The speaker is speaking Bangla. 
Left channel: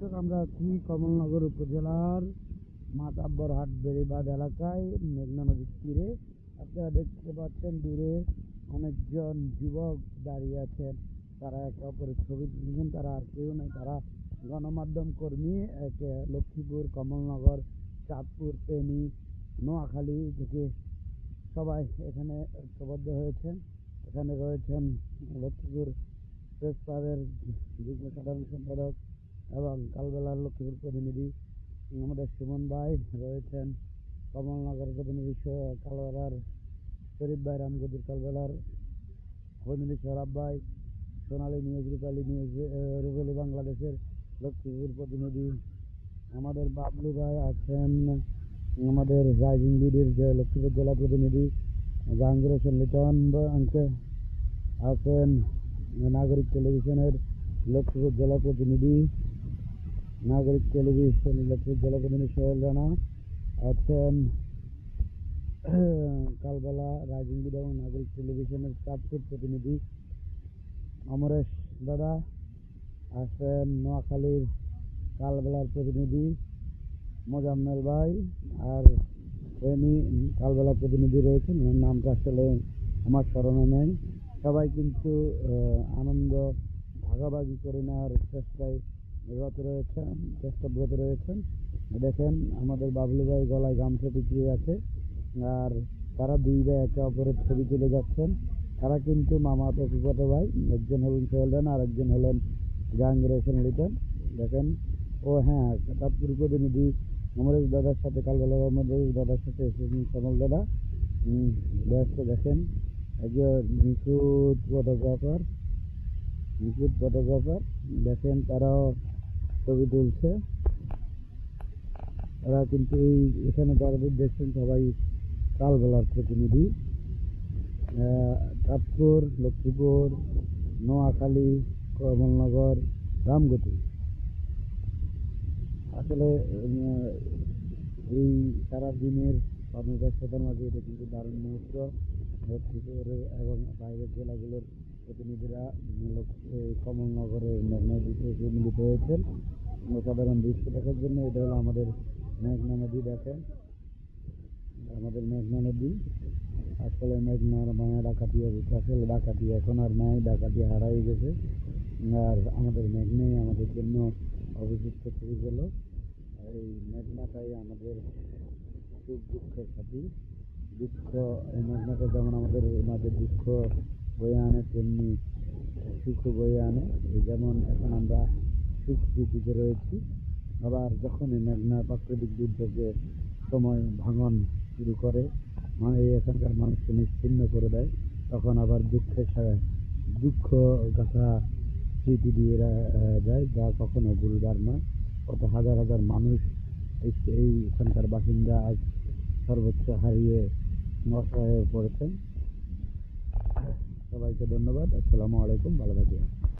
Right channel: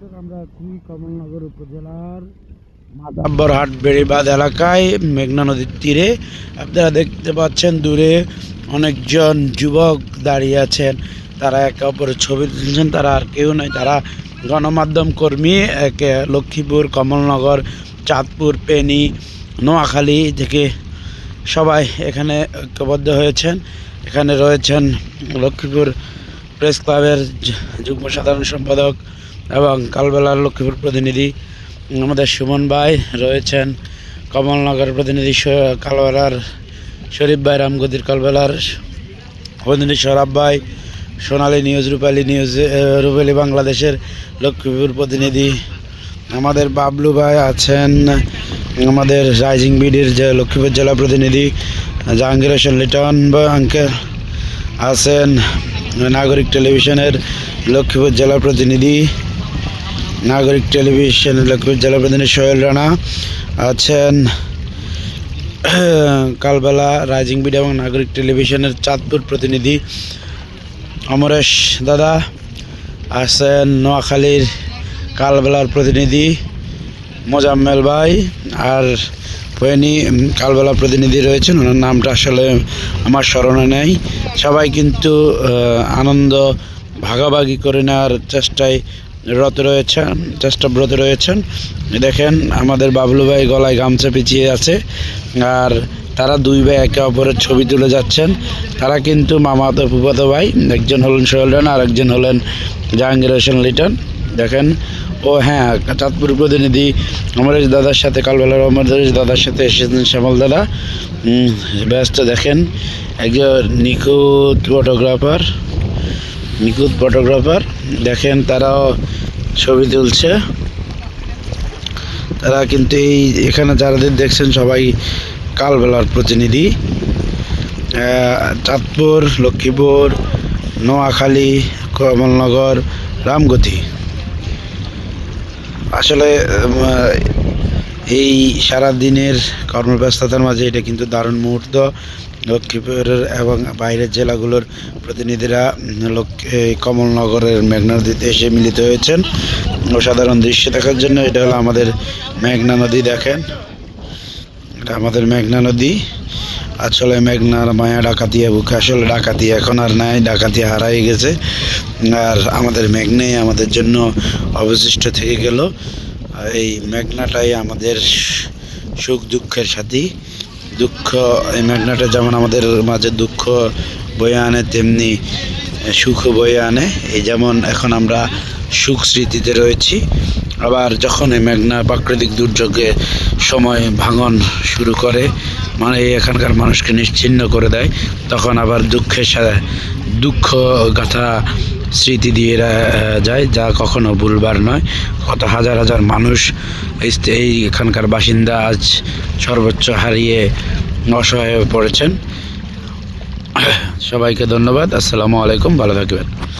দর্শক, আমরা আছি কমলনগর উপজেলার মাদাব্বরহাট বেড়িবাঁধ এলাকায় মেঘনা নদীর তীরে। আপনারা দেখতে পাচ্ছেন দূরে অনেকজন যুবক দাঁড়িয়ে আছেন। তারা একে অপরের ছবি তুলছেন। তারা আর কেউ নয়, তারা গণমাধ্যম কর্মী, একে লক্ষ্মীপুর, কমলনগর, চাঁদপুর, পেনি, নোয়াখালী থেকে সবাই এখানে ঐক্যবদ্ধ হয়েছেন। এখানে রয়েছেন লক্ষ্মীপুর প্রেস ক্লাবের যুগ্ম সাধারণ সম্পাদক এবং কালবেলার লক্ষ্মীপুর প্রতিনিধি আমাদের সুমন ভাই রয়েছেন, কমলনগর প্রতিনিধি কালবেলার শরীফ ভাই রামগদির কালবেলার প্রতিনিধি সরাব ভাই, সোনালী নিউজ, রূপালী নিউজ রূপালী বাংলাদেশের লক্ষ্মীপুর প্রতিনিধি আমাদের বাবলু ভাই আছেন, আমাদের রাইজিং বিডির যে লক্ষ্মীপুর জেলা প্রতিনিধি জাহাঙ্গীর হোসেন লিটন বা আঙ্কেল আছেন, নাগরিক টেলিভিশনের লক্ষ্মীপুর জেলা প্রতিনিধি নাগরিক টেলিভিশনের লক্ষ্মীপুর জেলা প্রতিনিধি সোহেল রানা আছেন, কালবেলা রাইজিং বিডি এবং নাগরিক টেলিভিশনের চাঁদপুর প্রতিনিধি অমরেশ দাদা আছেন, নোয়াখালীর কালবেলার প্রতিনিধি মোজাম্মেল ভাই আর ফেনী কালবেলা প্রতিনিধি রয়েছেন, ওনার নামটা আসলে আমার স্মরণে নেই। সবাই কিন্তু আনন্দ ভাগাভাগি করে নেওয়ার চেষ্টায় রত রয়েছেন চেষ্টাব্রত রয়েছেন। দেখেন, আমাদের বাবলু ভাই গলায় গামছা পিছিয়ে আছে, আর তারা দুই ভাই একে অপরের ছবি তুলে যাচ্ছেন। তারা কিন্তু মামাতো ফুফাতো ভাই, একজন হলেন সোহেল আর একজন হলেন জাহাঙ্গীর হোসেন লিটন। দেখেন, ও হ্যাঁ চাঁদপুর প্রতিনিধি অমরেশ দাদার সাথে কালবেলার অমরেশ দাদার সাথে এসেছেন শ্যামল দাদা। ব্যস্ত, দেখেন, একজন নিখুঁত ফটোগ্রাফার নিখুঁত ফটোগ্রাফার দেখেন তারাও ছবি তুলছে। তারা কিন্তু এই এখানে যারাদের দেখছেন সবাই কালবেলার প্রতিনিধি। চাঁদপুর, লক্ষ্মীপুর, নোয়াখালী, কমলনগর, রামগতি। আসলে এই সারা দিনের কর্মব্যস্ততার মাঝে এটা কিন্তু দারুণ মুহূর্ত। লক্ষ্মীপুরের এবং বাইরের জেলাগুলোর প্রতিনিধিরা উম, লক্ষ- এই কমলনগরের মেঘনা নদীতে এসে মিলিত হয়েছেন। অসাধারণ দৃশ্য দেখার জন্য এটা হলো আমাদের মেঘনা নদী দেখেন। এটা আমাদের মেঘনা নদী। আসলে মেঘনার মায়া ডাকাতিয়া বুকে। আসলে ডাকাতি এখন আর নাই ডাকাতি হারাই গেছে। আর আমাদের মেঘনাই আমাদের জন্য অবশিষ্ট থেকে গেল। এই মেঘনাটাই আমাদের সুখ দুঃখের সাথী। দুঃখ, এই মেঘনাটা যেমন আমাদের মাঝে দুঃখ বয়ে আনে, তেমনি সুখ বয়ে আনে। এই যেমন এখন আমরা সুখ স্মৃতিতে রয়েছি। আবার যখন এই মেঘনা প্রাকৃতিক দুর্যোগে সময় ভাঙন শুরু করে মানে এখানকার মানুষকে নিশ্চিহ্ন করে দেয়, তখন আবার দুঃখের সাথে দুঃখ গাথা স্মৃতি দিয়ে যায়, যা কখনো ভুলবার নয়। কত হাজার হাজার মানুষ এই এখানকার বাসিন্দা আজ সর্বোচ্চ হারিয়ে অসহায় হয়ে পড়েছেন। সবাইকে ধন্যবাদ। আসসালামু আলাইকুম। ভালো থাকবেন।